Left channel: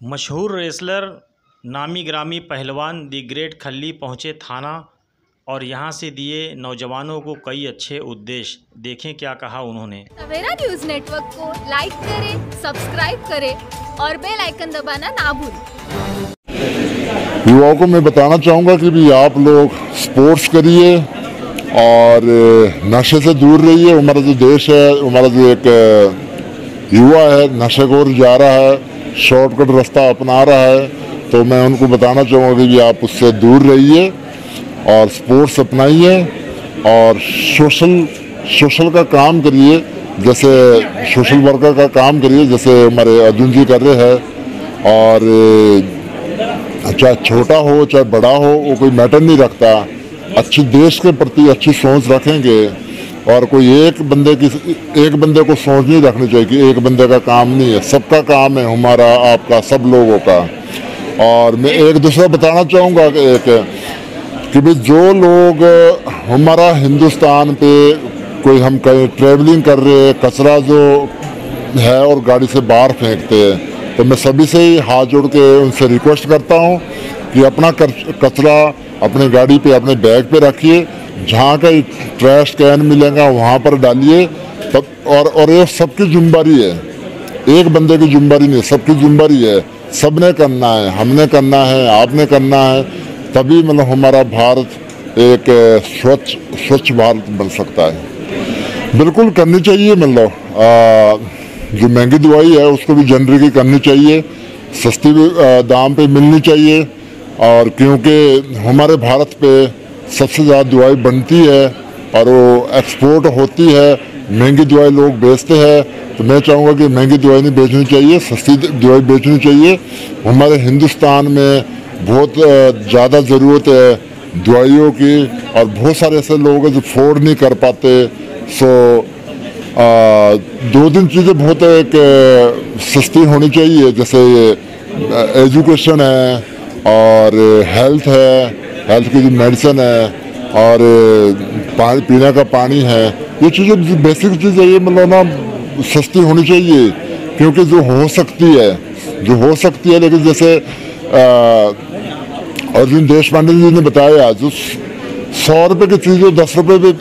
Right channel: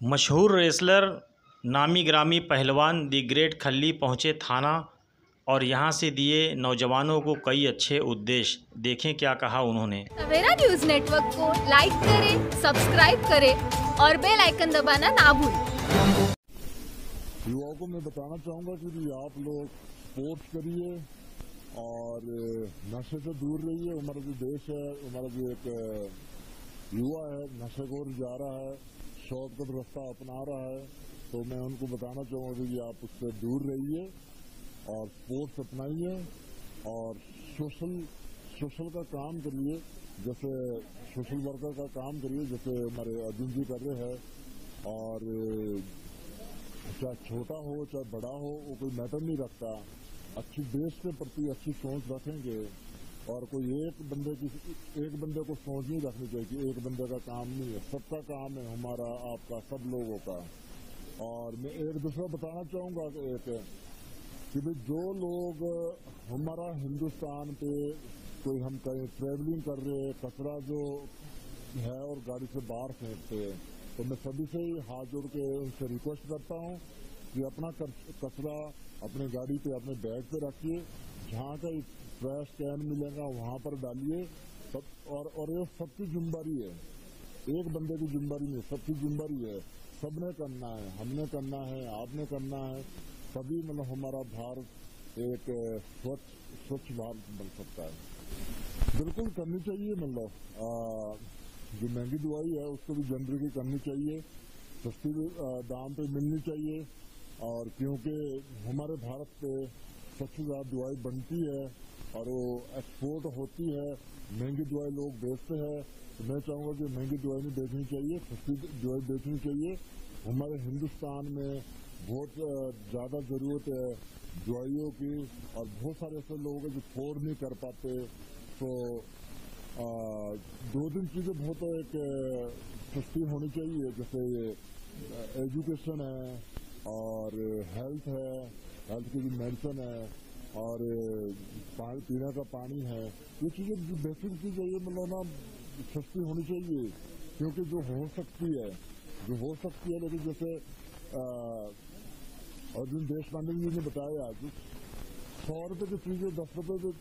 मशहूर रेसलर नामी ग्रामी पहलवान दी ग्रेट खल्ली पहुंचे थाना और यहां से दिए नौजवानों को कई अच्छे उद्देश्य। देखें क्या कहा उन्होंने। सवेरा न्यूज नेटवर्क को लाइक करें, सब्सक्राइब करें और बेल आइकन दबाना ना भूलें। युवाओं को मैं बताना चाहूँगा कि भी आप लोग स्पोर्ट्स करिए और नशे से दूर रहिए। हमारा जो देश है, हमारा जो एक युवा है नशे को जा रहा है, शॉर्टकट रास्ता अपना रहा है, तो मैं उनको बताना चाहूँगा कि भी आप उससे दूर रहिए और स्पोर्ट्स अपनाइए और सोशल का काम करिए, जैसे सोशल वर्कर का काम करिए जैसे हमारे अर्जुन जी कर रहे हैं। और चाहे छोटा हो चाहे बड़ा हो वो कोई मैटर नहीं रखता, अच्छी देश के प्रति अच्छी सोच रखेंगे और कोई एक बंदे को सोच नहीं रखनी चाहिए कि एक बंदे का काम नहीं है, सबका काम है, हमारा आपका सब लोगों का। और मैं एक दूसरा बताना चाहूँगा कि भाई जो लोग हमारा हिंदुस्तान पे कोई हम कहीं ट्रैवलिंग कर रहे हैं, कचरा जो है और गाड़ी से बाहर फेंकते हैं, तो मैं सभी से ही हाथ जोड़ के उनसे रिक्वेस्ट करता हूँ कि अपना कचरा अपने गाड़ी पे अपने बैग पे रखिए, जहाँ का ट्रैश कैन मिलेगा वहाँ पर डालिए। तब और ये सबकी जिम्मेदारी है, एक बंदे की जिम्मेदारी नहीं, सबकी जिम्मेदारी है, सबने करना है, हमने करना है, आपने करना है, तभी मतलब हमारा भारत एक स्वच्छ भारत बन सकता है। बिल्कुल करनी चाहिए, मतलब जो महंगी दवाई है उसको भी जनरिक करनी चाहिए, सस्ती दाम पे मिलनी चाहिए। और क्योंकि हमारे भारत पे सबसे ज़्यादा दवाई बनती है और वो एक्सपोर्ट होती है, महंगी दवाई लोग बेचते हैं, तो मैं चाहूँगा कि महंगी दवाई नहीं बेचनी चाहिए, सस्ती दवाई बेचनी चाहिए। हमारे हिंदुस्तान में बहुत ज़्यादा ज़रूरत है दवाइयों की और बहुत सारे ऐसे लोग हैं जो अफोर्ड नहीं कर पाते। सो दो तीन चीज़ें बहुत एक सस्ती होनी चाहिए, जैसे एजुकेशन है और हेल्थ है, हेल्थ की जो मेडिसिन है और पानी पीने का पानी है, ये चीज़ें बेसिक चीज़ें ये मतलब ना सस्ती होनी चाहिए। क्योंकि जो हो सकती है लेकिन जैसे अर्जुन देशपांडे जी ने बताया, जो 100 रुपये की चीज़ 10 रुपये पे